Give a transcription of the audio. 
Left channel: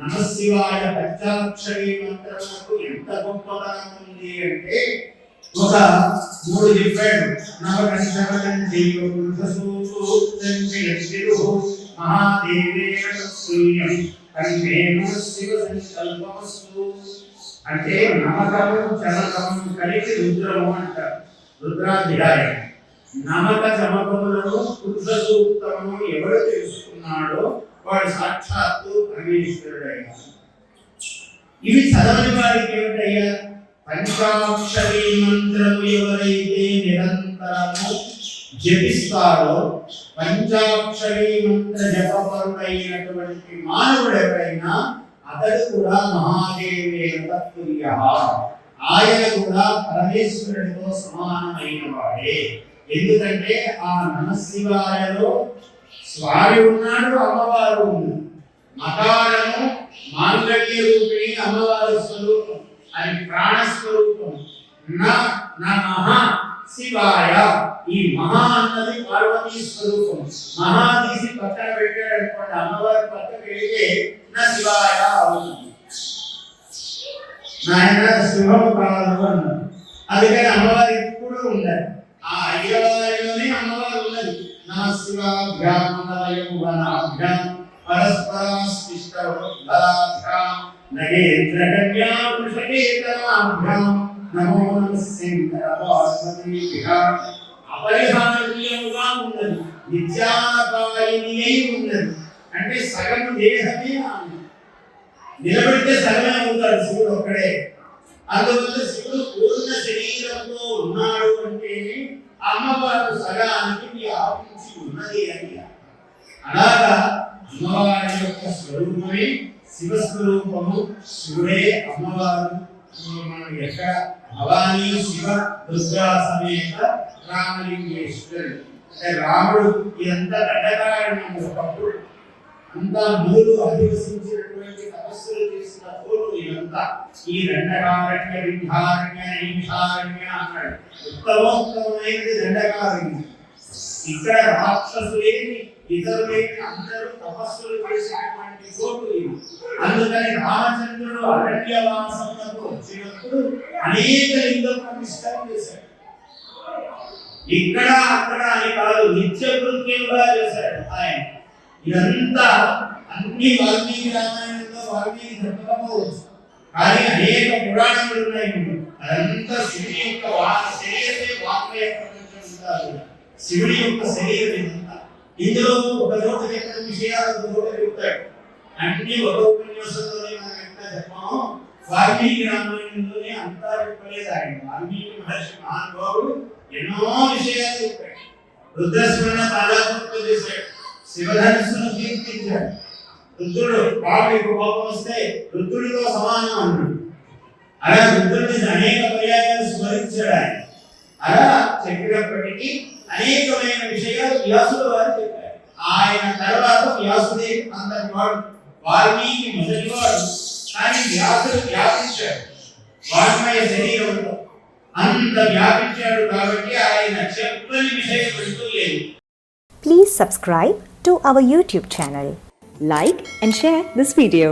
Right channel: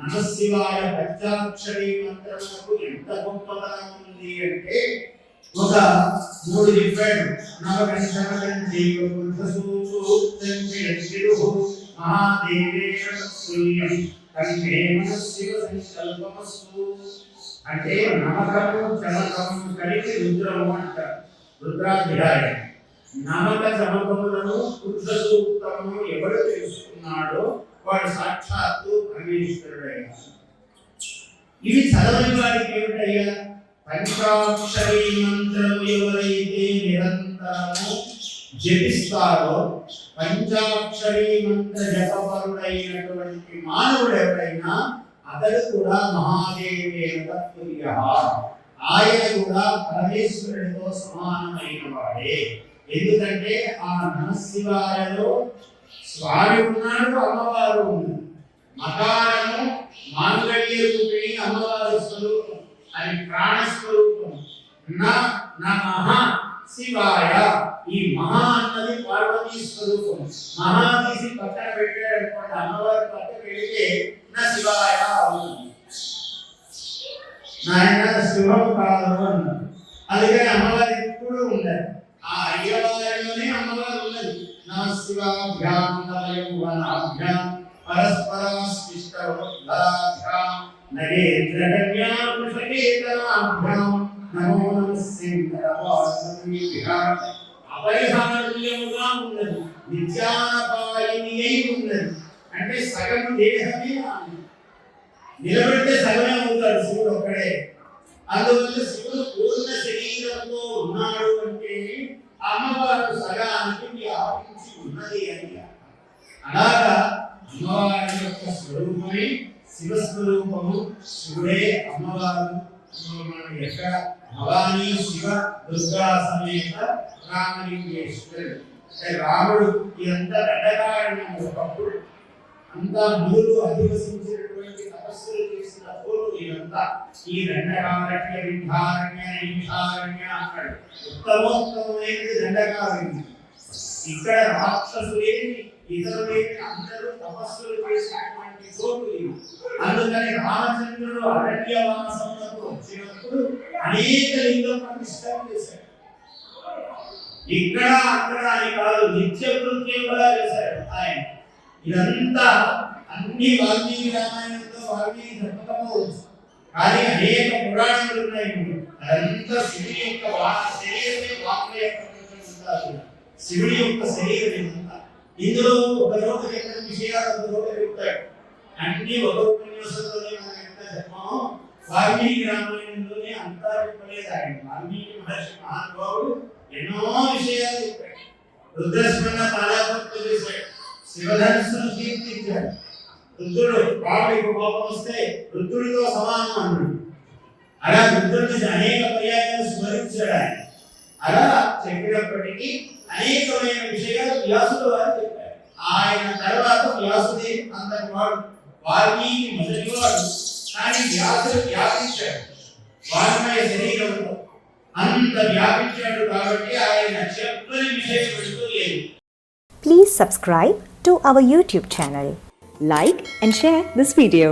నమశివాయ పంచాక్షరి మంత్రముకు ఎంత గొప్పదనం ఉంది అంటే ఒక మూడు చెప్పాడు. నవకంఠమం జీవ పురుషసూక్తం విరచిరు మహాదేవేన సూర్యం కంఠేన శివ సంకల్పమస్తు అంటే నమకము చమకము కలిసి రుద్రము అంటారు. రుద్రాధ్యాయం నమక చమకములను పురుష సూక్తము ఎవరు తెలుసుకున్నాడో వాడు సాక్షాత్తు పరమేశ్వరుడయ్యా. ఇవి చదవని వాడికి ఏమిటయ్యా? పంచాక్షరీ మంత్రము ఎవరైతే నిరంతరము జపిస్తారో, పంచాక్షరీ మంత్ర జపపరుడైనటువంటి మానవుడు ఎవరైనా అతడు కూడా మహాదేవేన తత్తుల్యః, ఆయన కూడా పరమేశ్వరుడితో సమానమైన వాడే. ఎందుకంటే ఆ నమశివాయలో స్వామి ఉన్నాడు, అమ్మవారు ఉంది. మకారము మాంగళ్య రూపిణి అమ్మవారి స్వరూపం, అది ప్రాణస్వరూపం. నమః శివాయ, ఈ మహా అన్నది పార్వతీ స్వరూపం. మహా తీసి పక్కన పెట్టాడు అనుకోండి, అమ్మవారి పక్కన పెడితే నా శివాయ అవుతుంది. నాయన శివం కాదు అన్నాడు. అందుకని అమ్మవారి ఎప్పుడు ఉండాలి. ఆ అయ్యవారిలోనే అమ్మవారు ఉన్నది. నమ శివాభ్యాం నవయౌవనాభ్యాం పరస్పరాస్తిష్టవృద్ధాభ్యాం నగేంద్రగమ్యా పురుషకేతనాభ్యాం నమో నమః. అపరిహార్యముగా ఉన్నది, నిత్యాపాయిని అయి ఉన్నది. అంటే సగం దేహమే నిలబడితే సగమే అవుతాడు శివుడు ఒక్కడే. అందువల్ల శివుడు పూర్ణ శరీరంతో ఉన్నాడు అంటే అమ్మవారు సగానికి వ్యాపించి ఉన్నది అని. అలాగా అమ్మవారి యొక్క స్వరూపమే శివస్వరూపము. శివుడే అమ్మవారు. మనం ఎక్కడ భవానీ శివ దుర్గా సమేత రామలింగేశ్వరుడు అంటే రాముడు ఇదంతా దండకారణ్యం. ఒకప్పుడు అంతా మునులు అధివసించినటువంటి తపస్సులు చేసిన తోడు ఇదంతా. ఈ దండకారణ్య విద్యారణ్య ఈశారణ్య అన్నాడు. ఉత్తమోత్తమైనది దండకారణ్యం. ఇక్కడ రాక్షసులేని ఇతరులేని అందరూ తపస్సులు చేసినటువంటి చోటు ఇది. అందుకని రామచంద్రుడు అరణ్యవాసములకు వచ్చినప్పుడు అనేక లింగ ప్రతిష్టలు చేశాడు. ఇక్కడ అక్కడ అని కాదు, నిత్య కృత్యంగా చేశాడు ఆయన. ఇదంతా అన్ని వాల్మీకి రామాయణంలో వాల్మీకి చెప్పకపోవచ్చు, కానీ అనేక పురాణాలు ఉన్నాయి. అదంతా శివుడి యొక్క శరీరమే వాక్య ప్రపంచం ఉంటారు. శివుడి యొక్క శరీరం ఇదంతా. ఇందులో ఒక రోజు చెప్పిన విషయాలు ఒక రోజు చెప్తాడు. అన్ని ఒక ఉపన్యాసంలోనే మనం ఎంత చెప్పామో వాల్మీకి రామాయణంలోనే అంతా చెప్పలేదు ఆయన. వాల్మీకి మహర్షి మహానుభావుడు ఎన్నో విషయాలు చెప్పాడు. రుద్రస్మరణ చాలా గొప్పలు చేశాడు. శివధనుస్సును కీర్తించాడు. రుద్రుడు రాముడికి కోపం వస్తే రుద్రుడితో సమానం అన్నాడు. అలా రుద్రుడిని అనేక పర్యాయాలు స్మరించాడు ఆయన. అలా చెప్పినప్పటికీ అనేకమైన విషయాలు వ్యాసుడు వారు చెప్పారు. ఆయన తర్వాత వ్యాసుదేవి అంతటి వాడు, వాల్మీకి మొదటి వాడు. కానీ వ్యాసుడు వ్యాపించాడు వాల్మయ శరీరంలో. అంత వ్యాపించాడు కాబట్టి ఆయన చెప్పని విషయం అంటూ లేదు. Please subscribe to our YouTube channel. Like and share this video.